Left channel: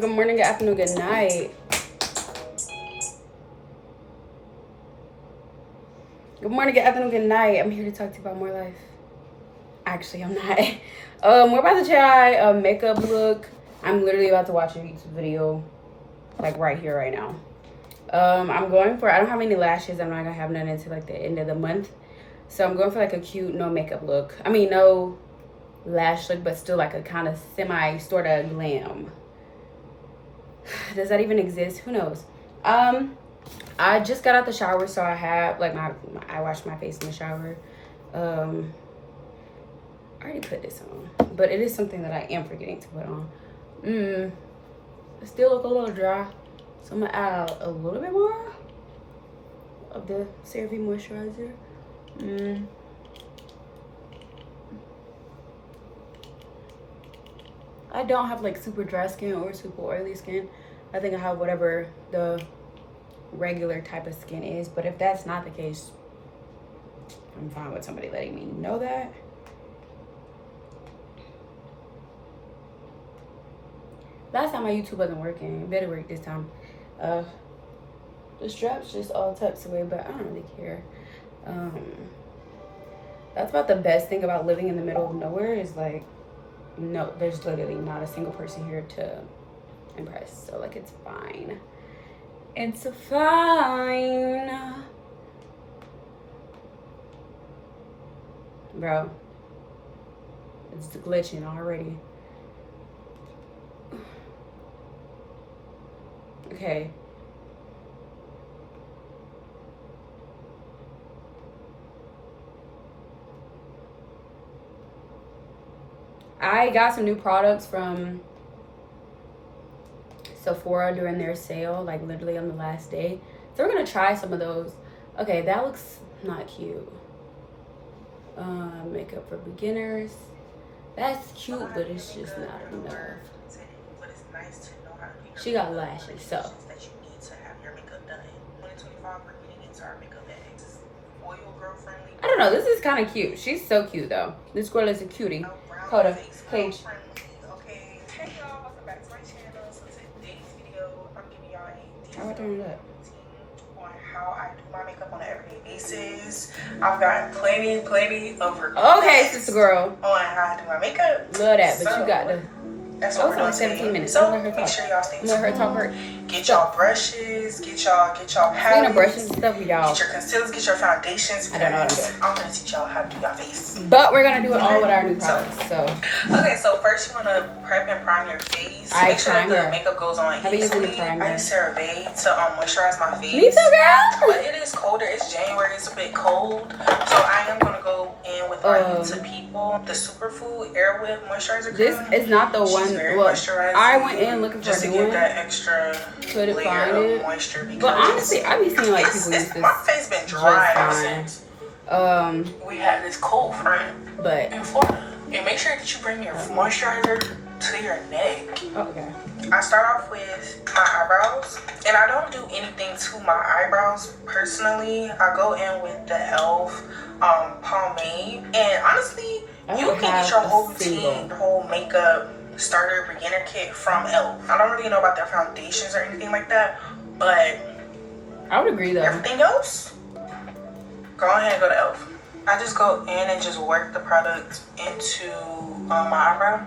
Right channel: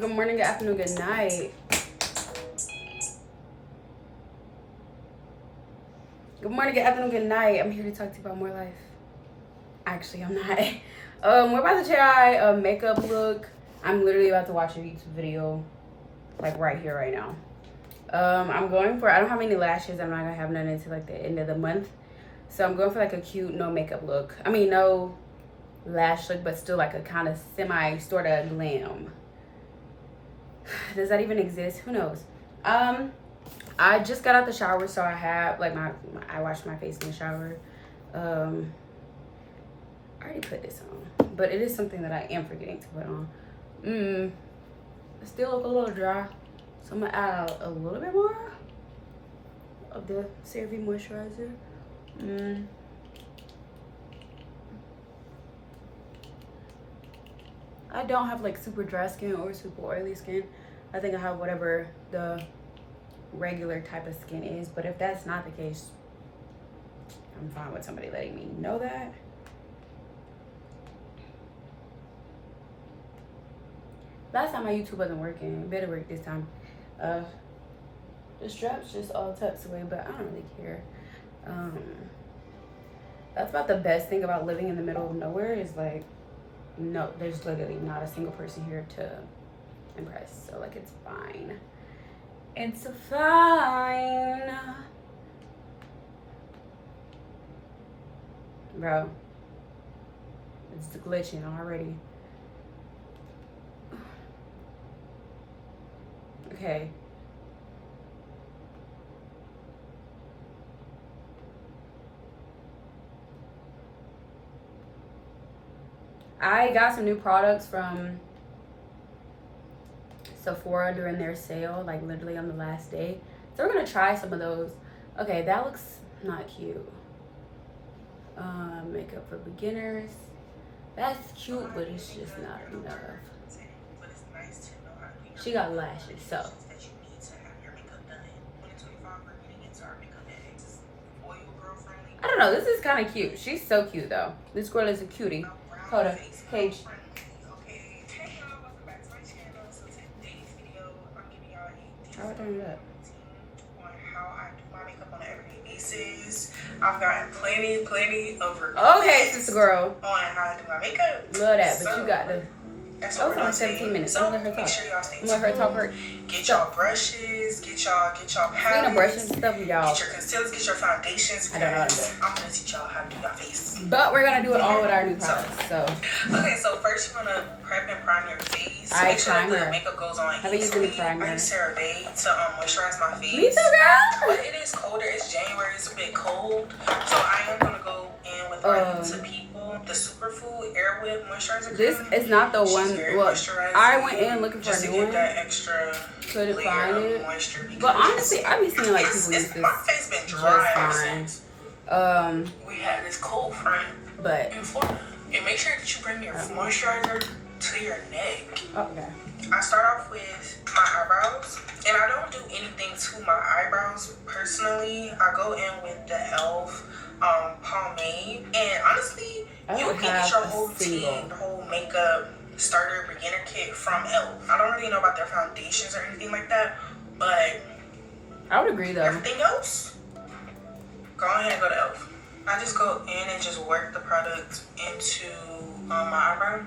Good morning, good afternoon, good night. Good morning, good afternoon, good night. I'm here to talk to you about more life. Actually, I'm not. We're about to try a makeup look. I'm literally about to watch a YouTube video, like right here, right now. I'm going for, I don't have any lashes. I'm not gonna have none until like the end of the month. So I'm going for like a cute, no makeup look. I mean, no lash look, but still like a kind of semi, sort of glam. Does that even exist? Who knows? I just got out the shower, so I have like I washed my face in the shower. I already put this on, but it is something that I am forgetting to put on. It still look a little dry, so I'm gonna add a little bit more of the CeraVe moisturizer. I don't have like super dry skin or super oily skin. I think I have whatever the regular type of skin is, but if that's not the case, I'm fine with somebody letting me know that. Last time my YouTube wasn't working. It better work this time. The strap's just all tucked away, but I don't really care. That's about the best thing about living in the middle of nowhere is like, no, there's literally not a single person here to impress. So like, it's fine. It's fine. Bro, it's glitching already. Okay. I got some new products from Sephora during their sale, like literally on the last day. So we're gonna try some of those. Okay, that looks not cute. Makeup for beginners. That's cute, but it's just not enough. She got lashes, so. I don't know, this is kind of cute. She's so cute though. This girl is a cutie. Hold on, Paige. How I turn it up? How I do my makeup on an everyday basis. I've got plenty of her. Okay, sister girl. On how I do my makeup. Love that, but you got the. That's Oh, it's only 17 minutes. I'm gonna let her talk. Make sure y'all stay I'm gonna let her talk her. Get y'all brushes, get y'all palettes. Clean the brushes and stuff with y'all. Get your concealers, get your foundations. I don't know what I'm doing. I'm gonna teach y'all how to do your face. But we're gonna do it all with our new products. So. Okay, so first you wanna prep and prime your face. I Make sure that primer. the makeup goes on Have you used any primer? I use CeraVe to moisturize my face. Me too, girl. But it is colder. It's January. It's a bit cold, so I am gonna go in with our To People, the Superfood Air Whip Moisturizer. This is not the one. Well, I went in looking for just a to new get one. that extra Couldn't layer find of it. moisture. But honestly, I be seeing like people use this My face been dry just ever fine. since we had this cold front But in Florida. And make sure that you bring your moisturizer to your neck. okay. I start off with my eyebrows, and I don't do anything to my eyebrows personally. I go in with the e.l.f. Pomade, and honestly, you can get your whole routine, whole makeup starter beginner kit from e.l.f. I don't really know about their foundations or anything like that, but I would agree though. everything else, go ahead and go to e.l.f. I just go in and just work the product into my eyebrow.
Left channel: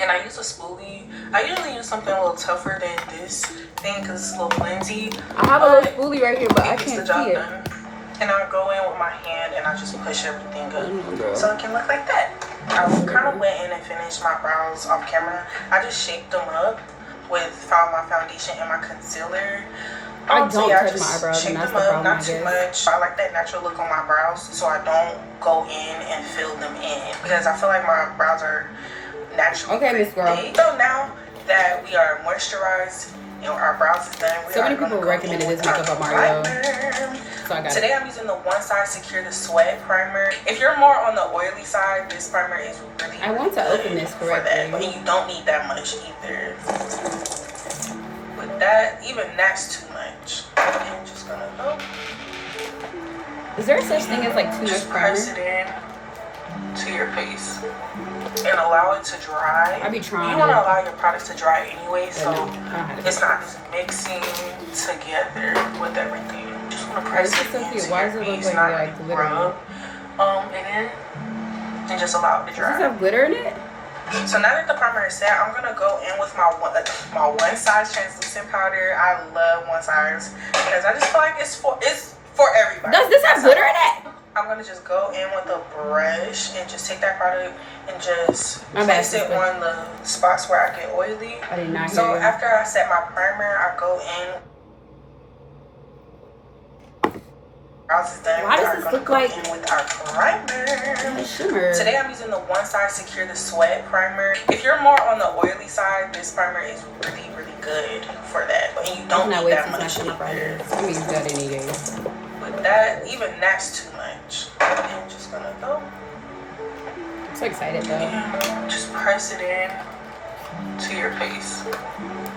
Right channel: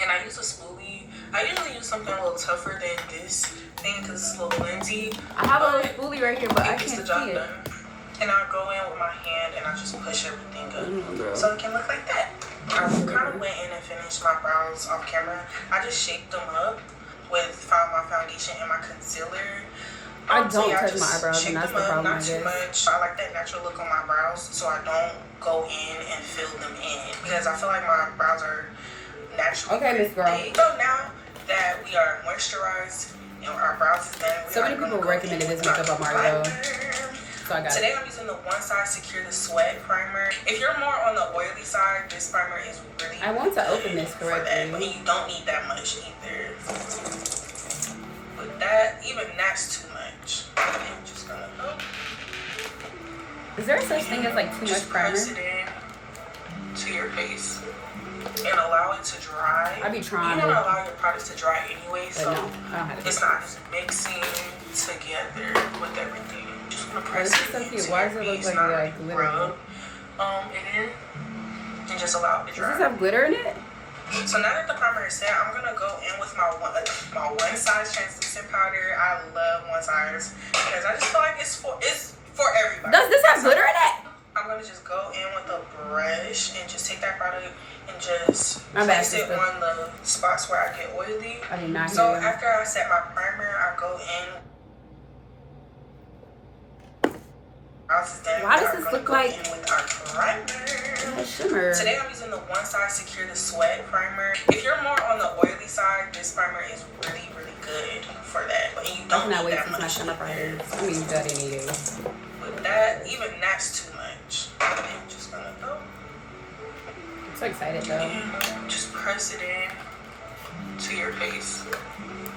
And I use a spoolie. I usually use something a little tougher than this thing because it's a little flimsy. I have a little spoolie right here, but I can't see it. And I go in with my hand and I just push everything up so it can look like that. I kind of went in and finished my brows off camera. I just shaped them up with my foundation and my concealer. I don't touch my eyebrows, and that's the problem, I Not too guess. much. I like that natural look on my brows, so I don't go in and fill them in because I feel like my brows are naturally. Okay, Miss Girl. So now that we are moisturized and our brows is done, So many people recommended this makeup by Mario, so I got Today I'm using the One Side Secure the Sweat primer. If you're more on the oily side, this primer is really I want to open this correctly. And you don't need that much either. With that, even that's too much. I'm just gonna Is there such thing as like too much primer? press it in. to your face and allow it to dry. I be trying. You want to allow your products to dry anyway, so no, it's not mixing together with everything. Just want to press this is so cute. Why does it look like glitter? And just allow it to dry. Does this have glitter in it? So now that the primer is set, I'm gonna go in with my one size translucent powder. I love one size because I just feel like it's for everybody. Does this have glitter in it? I'm gonna just go in with a brush and just take that product and just My place it on the spots where I get oily. I did not hear So you. after I set my primer, I go in. Why does this look like with our primer? a shimmer? Today I'm using the One Size Secure the Sweat primer. If you're more on the oily side, this primer is really, really good for that. But you don't need that much. Shimmer primer. I'm gonna use that any day. But that, even that's too much. I'm just gonna go. I'm so excited though. Just press it in to your face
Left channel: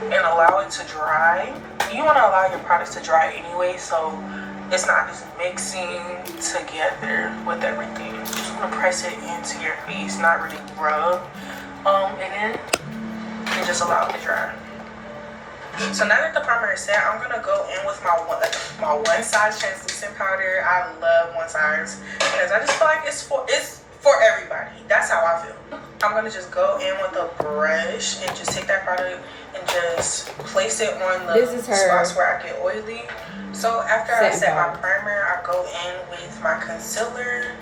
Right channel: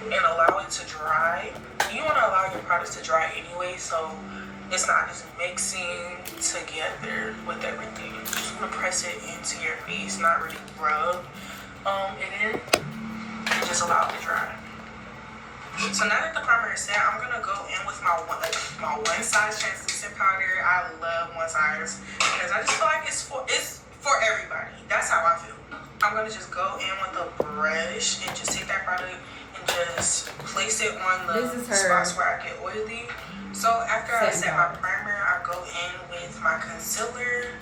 and allow it to dry. You want to allow your products to dry anyway, so it's not just mixing together with everything. You just want to press it into your face, not really rub and just allow it to dry. So now that the primer is set, I'm gonna go in with my one size translucent powder. I love one size because I just feel like it's for everybody. That's how I feel. I'm gonna just go in with a brush and just take that product and just place it on the spots where I get oily. So after I set my primer, I go in with my concealer.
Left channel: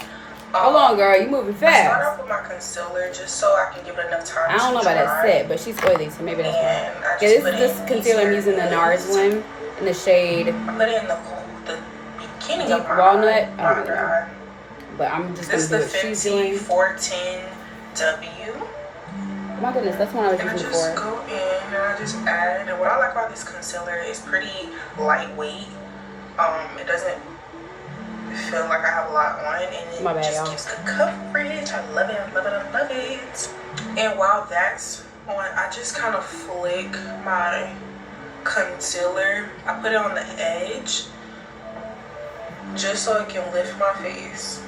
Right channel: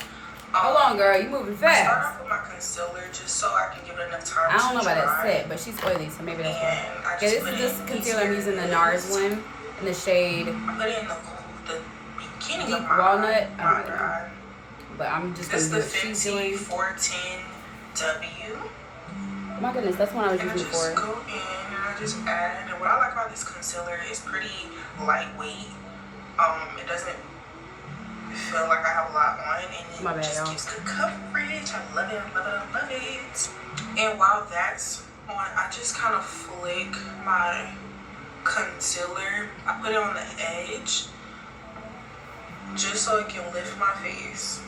Hold on, girl, you moving fast. I start off with my concealer just so I can give it enough time. I don't know about that set, but she's oily, so maybe that's why. Yeah, this concealer I'm using, the NARS one in the shade. I put it in the beginning deep of my walnut. under eye. But I'm just gonna do what she's doing. This is the 410W. Oh my goodness, that's one I was using before. I just go in and I just add. And what I like about this concealer is pretty lightweight. It doesn't feel like I have a lot on, and it just gives good coverage. I love it, I love it, I love it. And while that's on, I just kind of flick my concealer. I put it on the edge just so it can lift my face.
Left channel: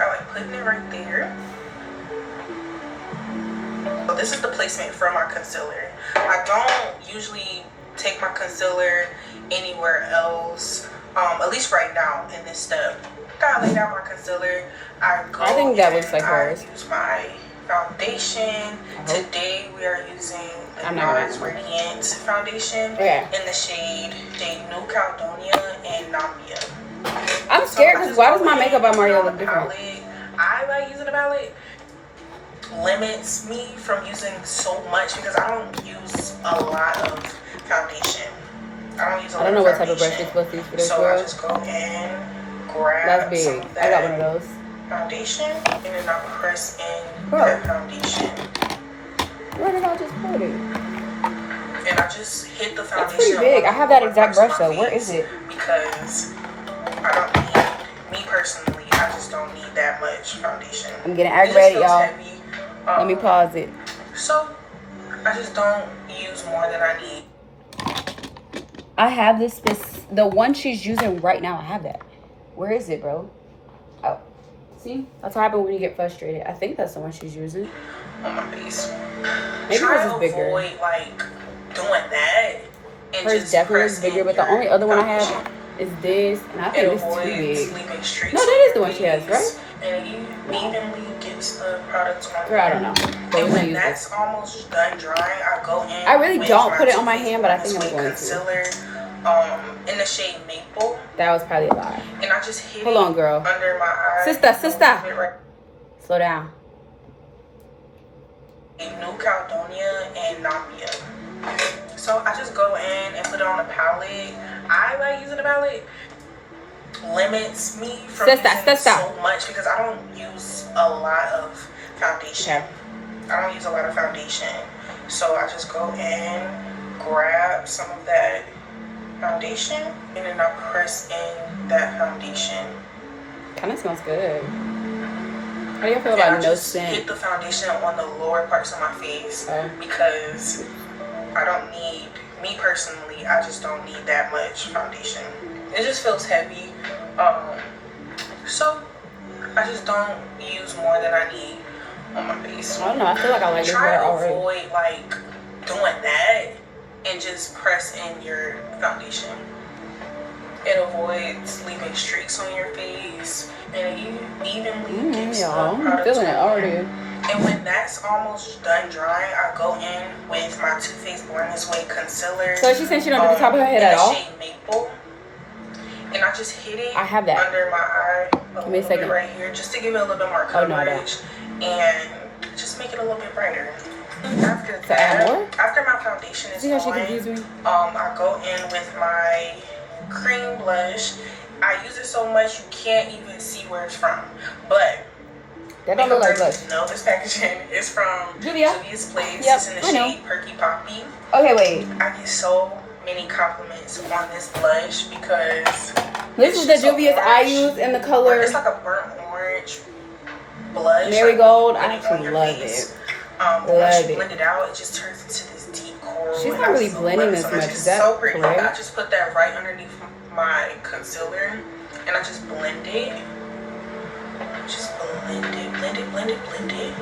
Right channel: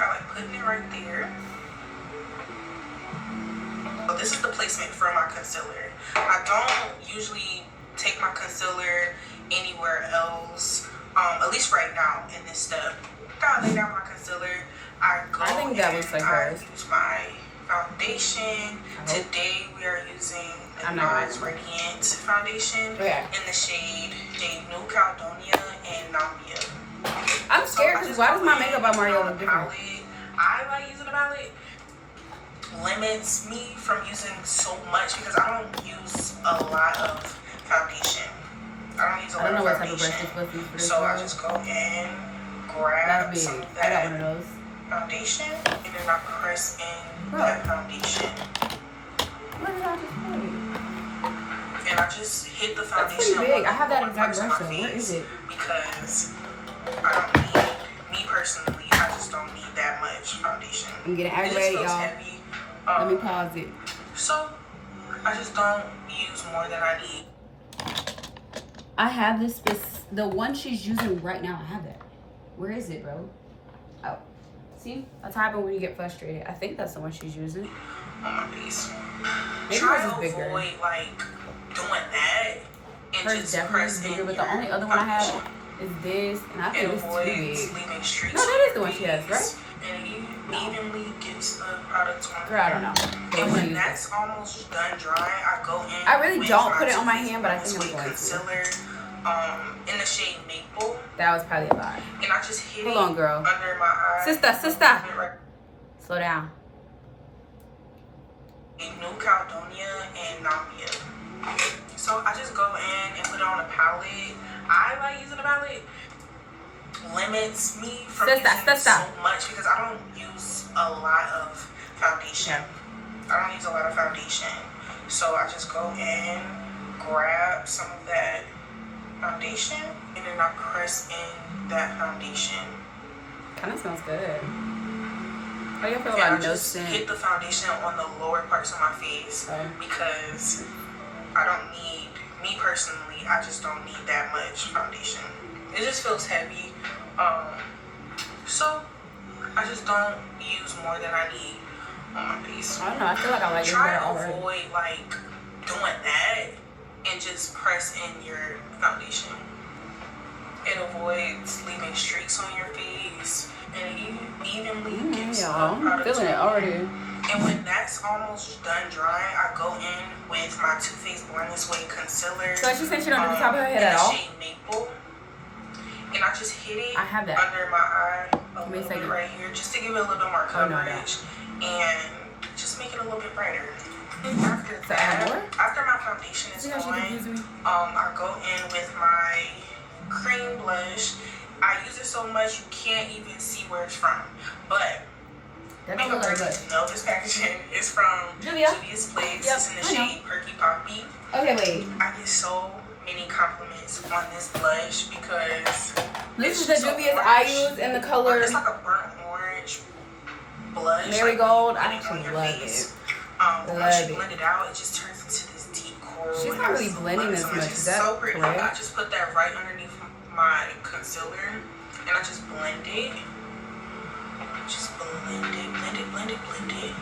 I like putting it right there. So this is the placement for my concealer. I don't usually take my concealer anywhere else, at least right now in this step. After I lay down my concealer, I think that looks like hers. I use my foundation. Today we are using the NARS Radiant foundation in the shade New Caledonia and Nambia. I'm scared because why does my makeup by Mario look different? I like using a palette. Limits me from using so much because I don't use a lot of foundation. I don't know what type of brush you're supposed to use for this. So I just go in, grab. That's big. I got one of those. Foundation, and then I press in that foundation. Where did I just put it? And I just hit the foundation. That's pretty big. I have that exact brush though. Where is it? Because I don't need, me personally, I just don't need that much foundation. I'm getting aggravated, y'all. Let me pause it. So I just don't use more than I need. I have the one she's using right now. I have that. Where is it, bro? Oh, see, that's what happens when you get frustrated. I think that's the one she's using. On my face. Maybe hers is bigger. Avoid like doing that. Hers definitely is bigger, but the only other one I have is this, and I think this is too big. No, that is the one she has, right? And you evenly gets the product on. Girl, I don't know. And when that's almost done drying, I go in. I really don't put it on my hand, but I think I'm going concealer, in the shade Maple. That was probably a lie. And I just hit Hold on, girl. Under my eye. Sister. Slow down. New Caledonia and Nambia. So I just go in and put it on a palette. I like using a palette. Limits me from using so much because I don't use a lot of foundation. I don't use a lot of foundation. So I just go in, grab some of that foundation, and then I press in that foundation. Kind of smells good. How do you feel about no scent? Hit the foundation on the lower parts of my face because I don't need, me personally, I just don't need that much foundation. It just feels heavy. So I just don't use more than I need on my face. I don't know. I feel like I like this Try better to already. avoid like doing that and just press in your foundation. It avoids leaving streaks on your face, and it evenly gets the I'm product feeling it already. And when that's almost done drying, I go in with my Too Faced Born This Way concealer. So she said she don't do the top of her head at all? Shade Maple. And I just hit it I have that under my eye Give me a second. right here, just to give it a little bit more coverage and just make it a little bit brighter. After that, after my foundation is on, I go in with my cream blush. I use it so much you can't even see where it's from, but that don't look like blush. No, this packaging is from Juvia's Place. Yep, it's in the shade Perky Poppy. Okay, wait. I get so many compliments on this blush because this is the Juvia's I use in the color. It's like a burnt orange blush. Marigold. I actually love it. Once you blend it out, it just turns into this deep coral. She's not really blending this much. Is that so pretty. correct? I just put that right underneath my concealer, and I just blend it. Just blend it, blend it, blend it, blend it.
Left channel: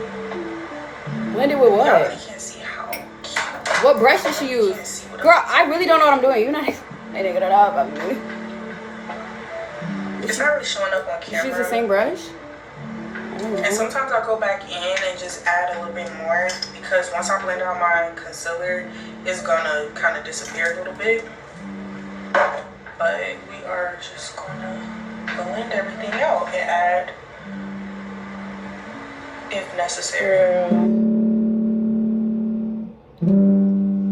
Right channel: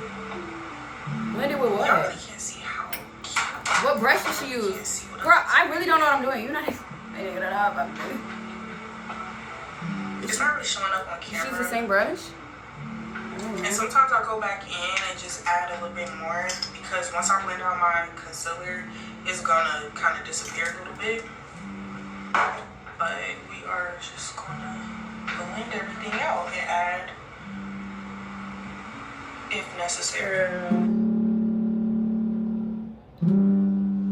Blend it with what? Y'all really can't see how cute. What brush did she use? Girl, I really don't know what I'm doing. You're not making it up. I mean, it's not really showing up on camera. She use the same brush? And sometimes I go back in and just add a little bit more because once I blend out my concealer, it's gonna kind of disappear a little bit. But we are just gonna blend everything out and add if necessary.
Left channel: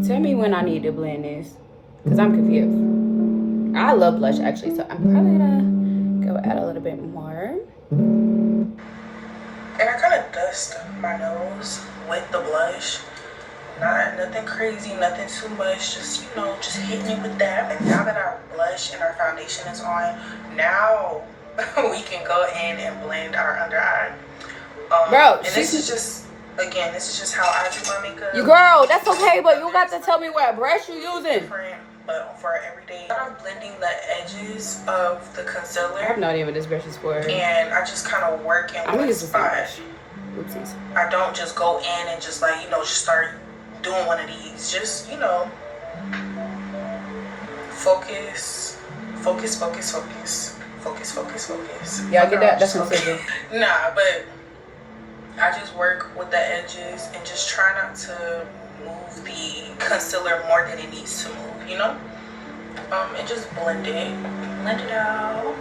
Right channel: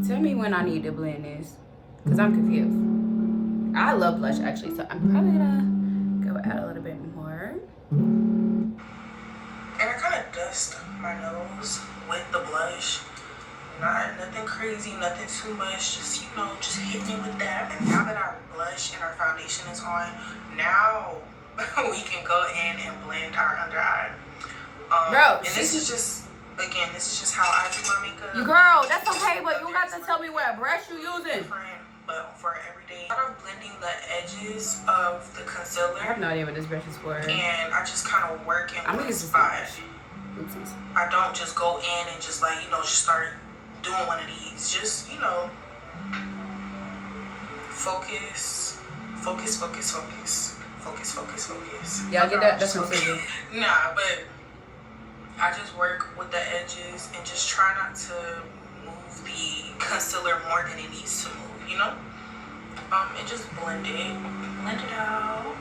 Tell me when I need to blend this, because I'm confused. I love blush actually, so I'm probably gonna go add a little bit more. And I kind of dust my nose with the blush. Nothing crazy, nothing too much. Just, just hitting it with that. And now that our blush and our foundation is on, now we can go in and blend our under eye. Bro, and this is just how I do my makeup. You girl, that's okay, but you got to tell me what brush you using. But for everyday, I'm blending the edges of the concealer. I have no idea what this brush is for. And I just kind of work in one spot. Oopsies. I don't just go in and just just start doing one of these. Just, focus, focus, focus, focus, focus, focus, focus. Y'all get that? That's concealer. Nah, but I just work with the edges and just try not to move the concealer more than it needs to move, and just blend it out,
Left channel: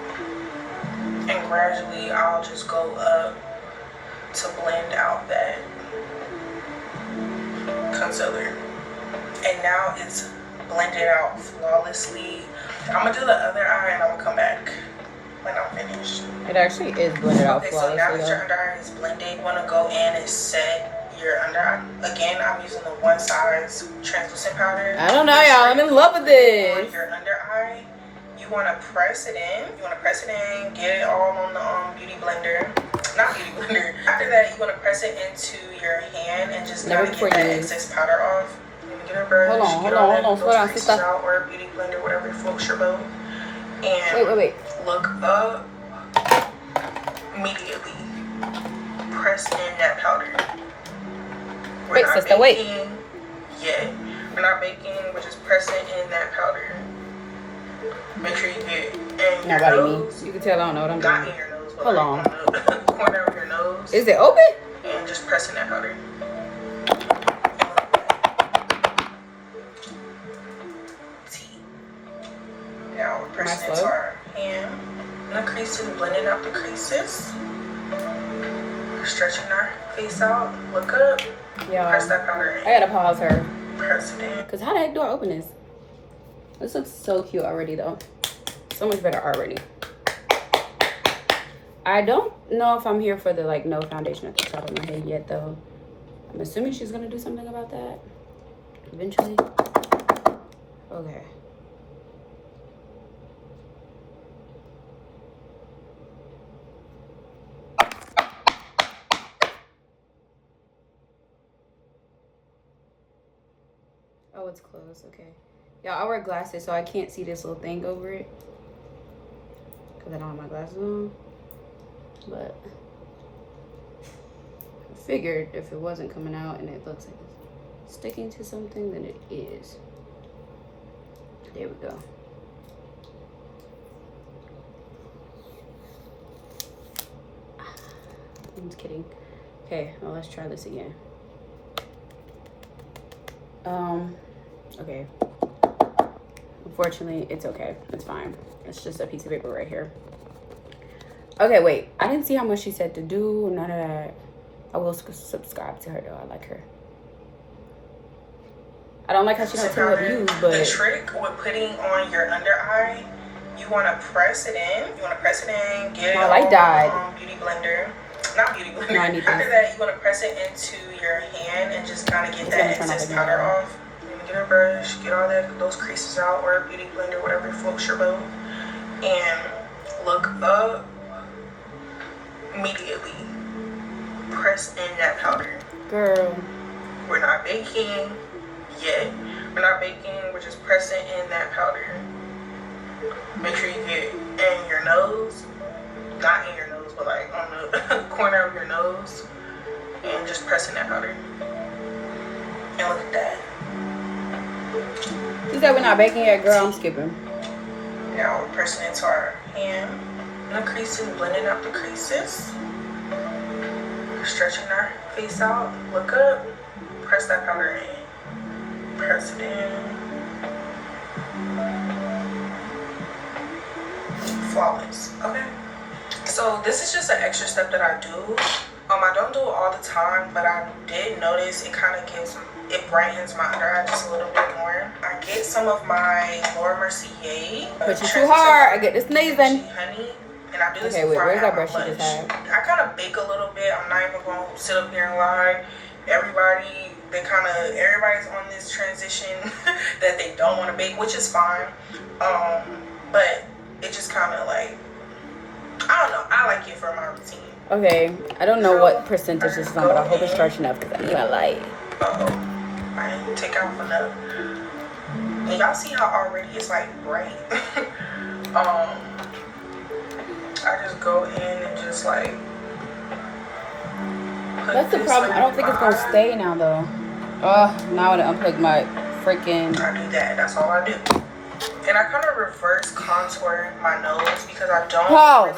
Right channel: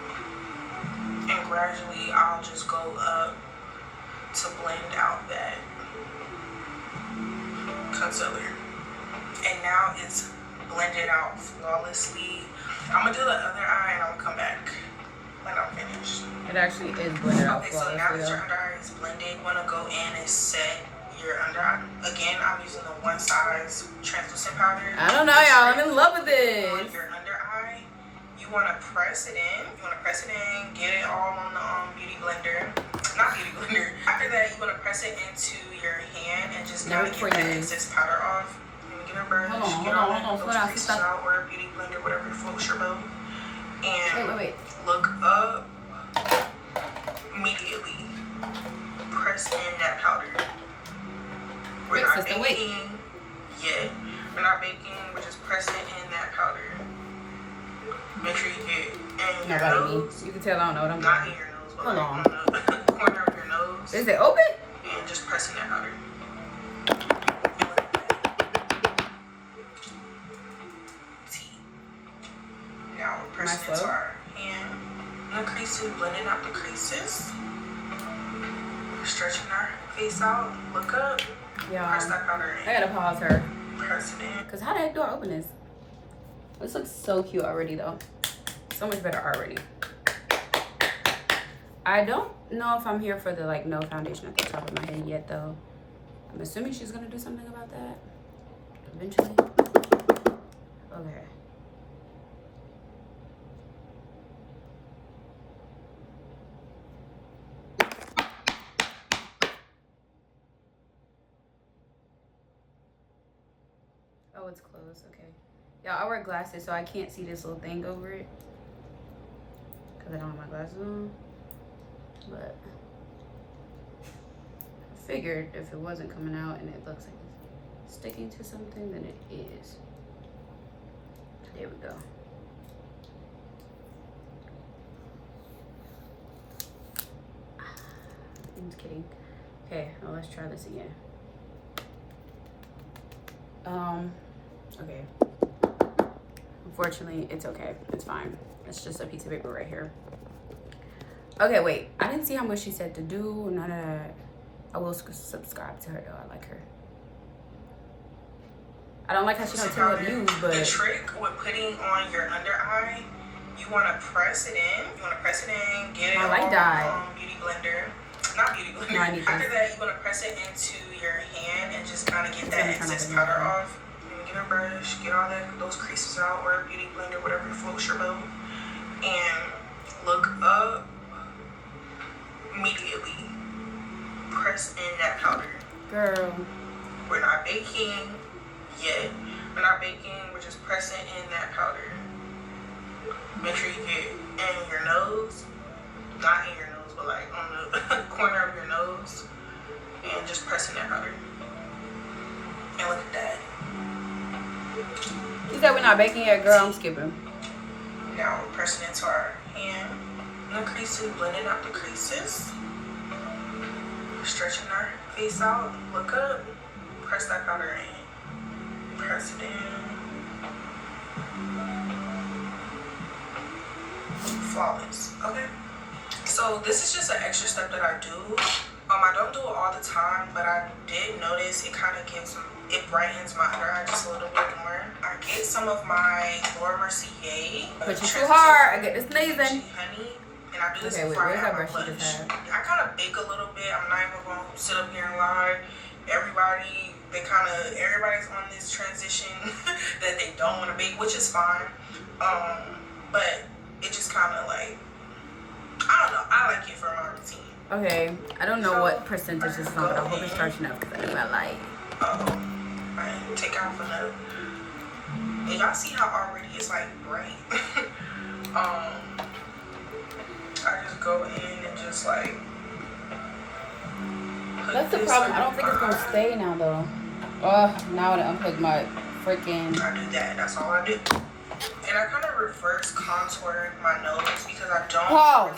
and gradually I'll just go up to blend out that concealer, and now it's blended out flawlessly. I'm gonna do the other eye and I'm gonna come back when I'm finished. It actually is blended out flawlessly. So now that your under eye is blended, you want to go in and set your under eye. Again, I'm using the one size translucent powder. I don't know, y'all. I'm in love with this. On your under eye, you want to press it in. Get it all on the beauty blender. Not beauty blender. After that, you want to press it into your hand and just kind of get that excess powder off. Get a brush. Hold on. Slow down, sister. Or a beauty blender, whatever floats your boat. And wait. Look up. Immediately press in that powder. We're not baking yet. We're not baking. We're just pressing in that powder. Make sure you get in your nose. You can tell I don't know what I'm doing. Not doing. in your nose, but hold on. The corner of your nose. Is it open? And just press in that powder. Now we're pressing into our hand. The creases, blending out the creases. Stretching our face out. Look up. Yeah. Press that powder in. I gotta pause her. Press it in. Cause how the heck do I open this? This looks so cute already though. So much better already. I don't know if I'm here for the no foundation at the top of my head yet though. I'm assuming she's gonna do something about that eventually. Okay. Oh, it's closed. Okay. Y'all, I wear glasses, so I can't see this little thing over it. Because I don't have my glasses on. but I figured if it wasn't coming out and it looks like it's sticking to something, then it is. There we go. I'm just kidding. Okay, well, let's try this again. Okay. Unfortunately, it's okay. It's fine. It's just a piece of paper right here. Okay, wait. I didn't see how much she said to do. None of that. I will subscribe to her, though. I like her. I don't like how she don't tell her views, but... The trick with putting on your under eye, you want to press it in. Get my light died. Beauty blender. Not beauty blender. No, after that, you want to press it into your hand and just kind of get that excess powder off. Get a brush, get all those creases out, or a beauty blender, whatever floats your boat, and look up immediately. Press in that powder. Girl. We're not baking yet. We're just pressing in that powder. Make sure you get in your nose, not in your nose, but like on the corner of your nose, and just pressing that powder. And look at that. You said we're not baking yet, girl. I'm skipping. Now we're pressing into our hand. No creases, blending out the creases. Stretching our face out. Look up. Press that powder in. Press it in. Flawless. Okay. So this is just an extra step that I do. I don't do it all the time, but I did notice it kind of brightens my under eye just a little bit more. I get some of my Laura Mercier. Push it too hard. I get this sneezing. Honey. And I do this before where's that brush you just had? I kind of bake a little bit. I'm not even going to sit up here and lie. Everybody's on this transition that they don't want to bake, which is fine. But it just kind of like, I don't know. I like it for my routine. Okay, I don't know what percentage this is on, but I hope it's charged enough because I need my light. I didn't take off enough. And y'all see how already it's like bright. I just go in and just like. That's the problem. I don't think it's gonna stay now though. Now I want to unplug my freaking. I do that. That's all I do. And I kind of reverse contour my nose because I don't really